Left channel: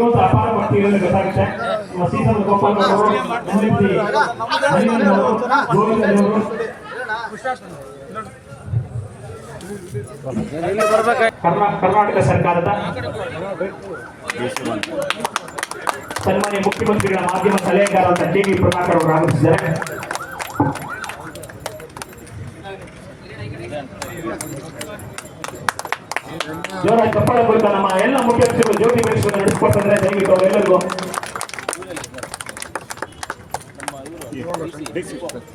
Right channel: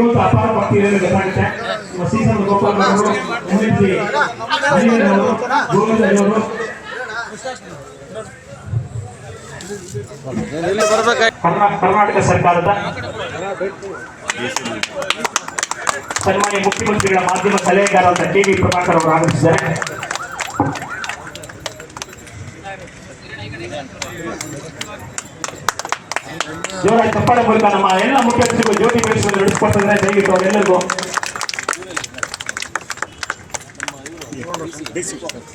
ಇರುವಂತ ಅಪಾರ ಭಕ್ತಿಯನ್ನು ಗೊತ್ತಾಗುತ್ತೆ. ಸೀಸನ್ ಗೋಪಾಲ್ ಅವರು, ಕರ್ನಾಟಕ ಸರ್ಕಾರದ ಸನ್ಮಾನ್ಯ ಮುಖ್ಯಮಂತ್ರಿಗಳ ಮಾಧ್ಯಮ ಸಲಹೆಗಾರರಾದ ಕೆ.ವಿ. ಪ್ರಭಾಕರ್ ಅವರು ಆಗಮಿಸಿದ್ದಾರೆ. ಜೋರಾಗಿ ಚಪ್ಪಾಳೆ ಮೂಲಕ ನಮ್ಮ ಎಲ್ಲ ಮುಖ್ಯಮಂತ್ರಿಗಳು ಜ್ಯೋತಿ ಬೆಳೆಸುವುದು ನಡೆಸಿಕೊಟ್ಟಿದ್ದಾರೆ. ದಯವಿಟ್ಟು ಅವರೆಲ್ಲರಿಗೂ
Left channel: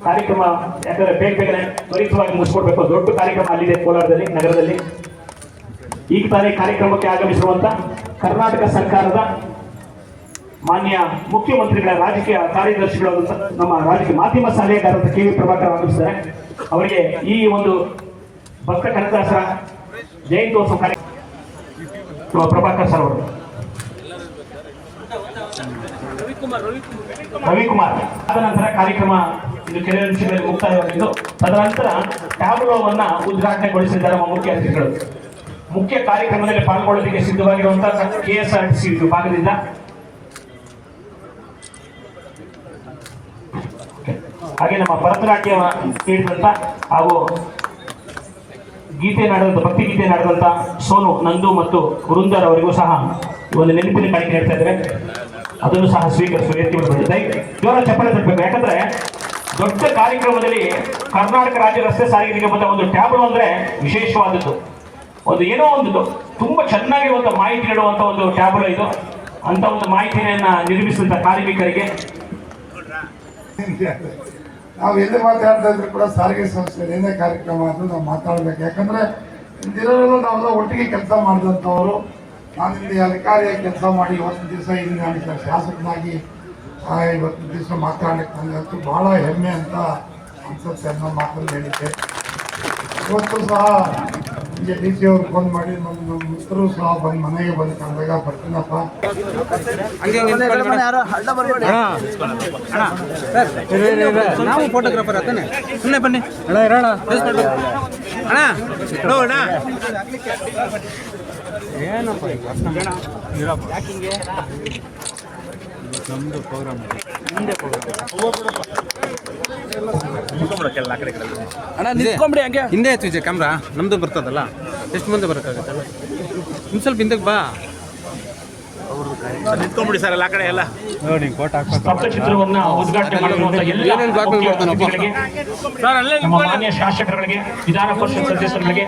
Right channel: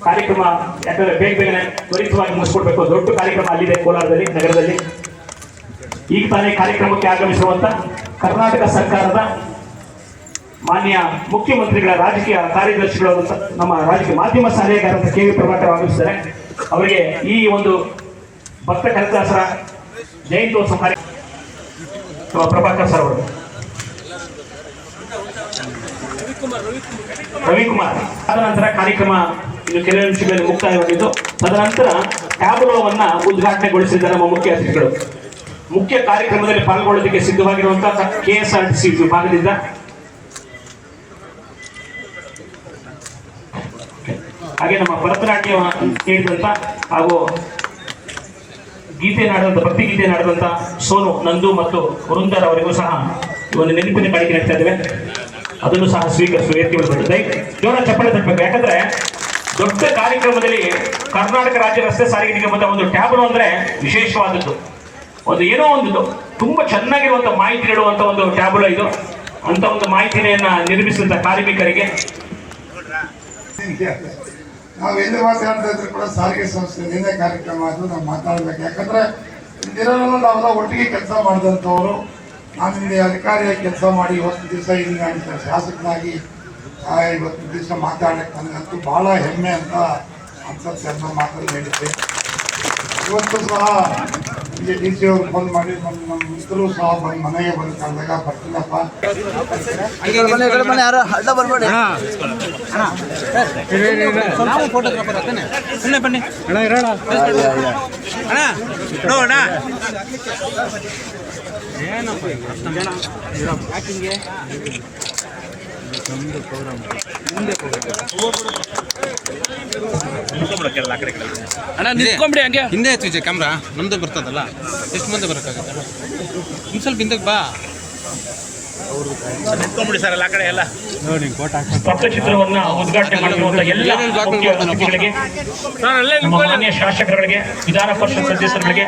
ಕಾರ್ಯಕ್ರಮ ಯಾಕಂದ್ರೆ ಬೇಗನೆ ತ್ವರಿತವಾಗಿ ಮುಗಿಸ್ಕೊಡ್ಬೇಕು. ದೊಡ್ಡ ಕಾರ್ಯಕ್ರಮ ಅಲ್ಲಿದೆ ಕೋಲಾರದಲ್ಲಿ, ನಗರದಲ್ಲಿ. ಈಗ ತಾನೇ ಕಾರ್ಯಕ್ರಮಕ್ಕೆ ಆಗಮಿಸಿರುವಂತ ಕರ್ನಾಟಕ ಸರ್ಕಾರದ ಮಾನ್ಯ ಮುಖ್ಯಮಂತ್ರಿಗಳ ರಾಜಕೀಯ ಕಾರ್ಯದರ್ಶಿಗಳಾದಂಥ ನಮ್ಮ ರಾಜಕೀಯ ಮಾಧ್ಯಮ ಸಲಹೆಗಾರರಾದ ಕೆ.ವಿ. ಪ್ರಭಾಕರ್ ಆಗಮಿಸಿದ್ದಾರೆ. ಅವರಿಗೆ ಈ ಒಂದು ಭಕ್ತ ಕನಕದಾಸರ ಜಯಂತ್ಯೋತ್ಸವ ಕಾರ್ಯಕ್ರಮ ಪ್ರಭಾಕರ್ ಸರ್ ಅವರು, ರವಿಕುಮಾರ್ ಆದ ನಂತರ ಕಾರ್ಯಕ್ರಮ ಕೆಲವು ನಿಮಿಷಗಳಲ್ಲಿ ಮುಕ್ತಾಯವಾಗಿದ್ದು, ತದನಂತರ ಟ್ಯಾಬ್ಲೋವನ್ನ ಉದ್ಘಾಟನೆಗೊಳಿಸಿದ ನಮ್ಮ ಮುಖ್ಯ ಅತಿಥಿಗಳು. ಮುಖ್ಯ ಕಾರ್ಯಕ್ರಮದಲ್ಲಿ ಪಾಲ್ಗೊಳ್ಳೋದಕ್ಕೆ ಸಿದ್ಧವಾಗಿರುವಂತಹ KSRTC ವಿಭಾಗದಿಂದ ಹಾಗೆ ನಮ್ಮ ಭರತನಾಟ್ಯ ನೀಡಿದಂತ ಹಾಗೂ ಗೀತೆ ನಾಡಿದಂತ ಭಕ್ತಿ ಗೀತೆ ನಾಡಿದಂತ ಸೋನು, ನಂದು ಮತ್ತು ವೃಂದರ್ ಅವರಿಗೂ ಸಹ ಒಂದು ನೆನಪಿನ ಕಾಣಿಕೆ ನೀಡ್ತಾ ಇದ್ದೇವೆ. ಅದನ್ನು ಸಹ ಸ್ವೀಕರಿಸುವ ಜೋರ ಚಪ್ಪಳೆ ತರಬೇಕು. ಯಾಕಂದ್ರೆ ದೊಡ್ಡ ಕಾರ್ಯಕ್ರಮದಲ್ಲಿ ಕರ್ನಾಟಕ ರಾಜ್ಯ ರಸ್ತೆ ಸಾರಿಗೆ ನಿಗಮದ ಒಂದು ಟ್ಯಾಬ್ಲು ಅಂದ್ರೆ ವಿಶೇಷವಾದದ್ದು. ಒಂದು ಏನೋ ಒಂದು ತುಂಬಾ ಚೆನ್ನಾಗಿರುವಂತ ಮಾಹಿತಿ ನೀಡುವಂತ ಒಂದು ಟ್ಯಾಬ್ಲು ಇದು. ಅಂತ ಒಂದು ಮಾಹಿತಿಯನ್ನ ನಿರ್ಮಿಸಿದ ಕಾರ್ಮಿಕರಿಗೆ ನಾವು ಎಲ್ಲಿ ಮಾತಾಡ್ತಾ ಇದ್ರು ಕೂಡ ಸಾರಿಗೆ ಸಂಸ್ಥೆ ಏನೇ ಕಾರ್ಯಕ್ರಮ ಅದು ನಾವು ಮಾತಾಡ್ಬೇಕು. ಯಾಕಂದ್ರೆ ದಿನದಲ್ಲೂ ನಾವೆಲ್ಲ ಒಟ್ಟಿಗೆ ಕೆಲಸ ಮಾಡಿದಂಥವ್ರು. ನಾನು ಇಲ್ಲಿ ಅಧಿಕಾರಿಯಾಗಿ ಕೆಲಸ ಮಾಡಿ ಇವತ್ತು ದಿವಸ ಇಲ್ಲಿ ನಾನು ಶಾಸಕನಾಗಿ ಇವತ್ತು ದಿವಸ ಮಾತಾಡಕ್ಕೆ ನನಗಂತೂ ಬಹಳ ಹೆಮ್ಮೆ ಅಂತ ಅನ್ಸುತ್ತೆ. ಅನ್ನೋ ಮಾತನ್ನು ಹೇಳಿದ್ದೆ. ಇವತ್ತು ಸಹ ನಿಮಗೆ DC ಅವರು ಫೋನ್ ಮಾಡಿ ನಮ್ಮ ಮಿತ್ರರು ಸಹ ಬಂದು ಮನೆಗೆ ಬಂದು ಕಂಡಾಗ ಬರ್ತೀನಪ್ಪ. ನಾವು ಫೋಟೋಗ್ರಾಫರ್ ಆಗ್ತಾನೆ, ಸುಮ್ಮನೆ ಬನ್ನಿ ಅಣ್ಣ ಇರೋಣ ಅಣ್ಣ ಏನಪ್ಪ ಯಾಕಿಂಗೆ ನಮ್ಮದು ಪ್ರೋಗ್ರಾಮ್ ಮುಂದೆ ಅಣ್ಣ ನಿಂತ್ಕೊಂಬಿಡಿ. ಹಂಗೆ ಹಿಂದೆ ಎತ್ತಿಜೆ ಕ್ಯಾಮ್ರಾ ನಮ್ಮದು ಬರ್ತದಲ್ಲ, ಎಷ್ಟು ಮುಂದೆ ಬರೋಕ್ಕಾಗತ್ತೆ? ಇನ್ನು ಸ್ವಲ್ಪ ಹಿಂದಕ್ಕೆ ಬಾ. ನಿಂತ್ಕೊಂಡ್ಬಿಡಿ ಸರ್ ಎಲ್ಲ ಕಡೆ ಎಲ್ಲ ನೋಡಿ ಕೋಟ್ ಹಾಕ್ಬೇಕು. ಶಾಸಕರುಗಳಿಗೆ, ವಿಧಾನ ಪರಿಷತ್ ಸದಸ್ಯರುಗಳಿಗೆ